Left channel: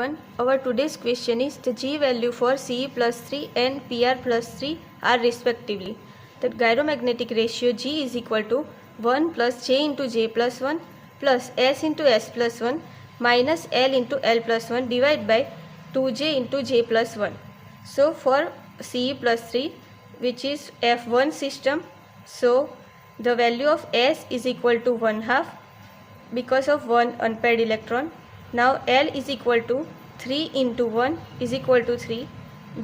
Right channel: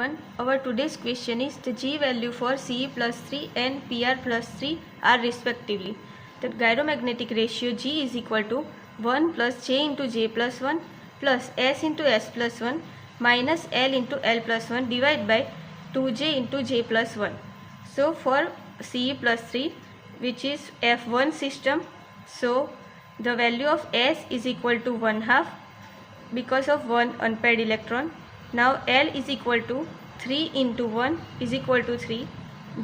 everyone. Our today's question is the G value for Ce plus 3 and Pr plus 3 are respectively. The gyromagnetic ratio G is equal to 1 plus J into J plus 1 plus S into S plus 1 minus L into L plus 1 divided by 2J into J plus 1. So for Ce plus 3, which is F1 system, so the value of S is equal to 1/2 because of one unpaired electron. Now L is equal to 3 into 1 is equal to 3.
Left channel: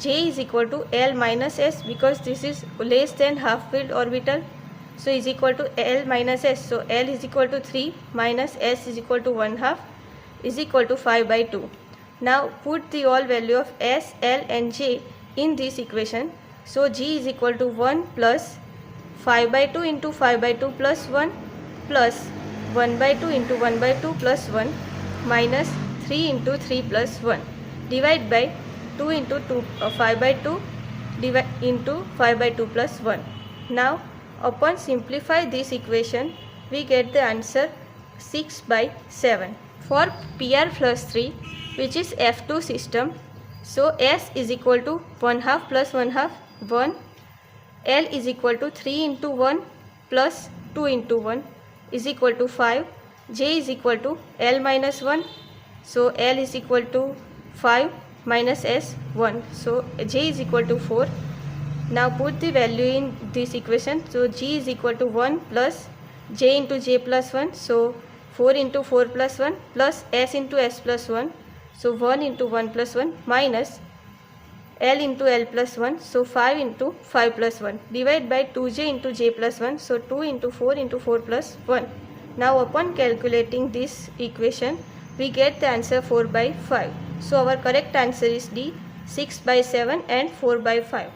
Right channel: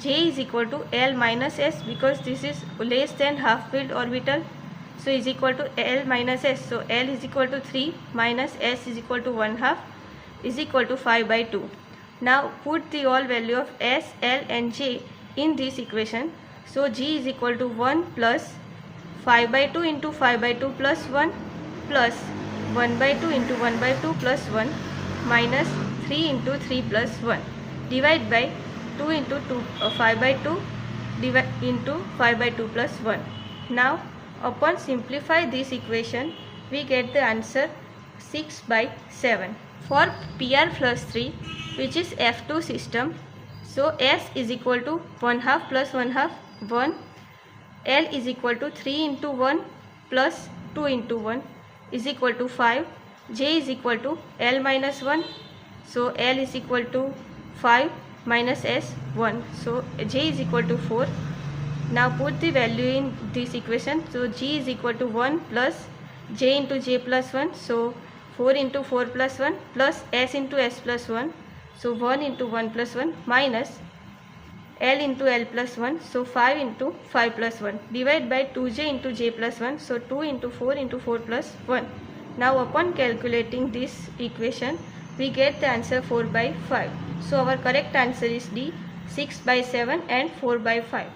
J is equal to L minus S because this is less than half filled orbital. So is equal to L minus S. So L is equal to 3 minus S is equal to 1/2 is equal to 5 by 2. Now put the all value of S, L and J in this equation. So G is equal to 1 plus 5 by 2 into 5 by 2 plus 1 plus 1 by 2 into 1 by 2 plus 1 minus 3 into 3 plus 1 divide by 2 into 5 by 2 into 5 by 2 plus 1. Now upon simplify this equation we get the answer 6 by 7. For Pr plus 3, which is F2 system, so S is equal to 1/2 plus 1/2 1. L is equal to 3 into 1 plus 2 into 1 is equal to 5. J is equal to L minus 1. So L is equal to 5 minus S 1. So J is equal to 4. Now put the value in this equation. So G is equal to 1 plus J into J plus 1. So 4 into 4 plus 1 plus S into S plus 1. So 1 into 1 plus 1 minus L into L plus 1. So 5 into 5 plus 1 divided by 2J into J plus 1. So 2 into 4 into 4 plus 1. Now upon calculating this equation we get the answer 4 by 5. So our correct answer is D, 6 by 7 and 4 by 5.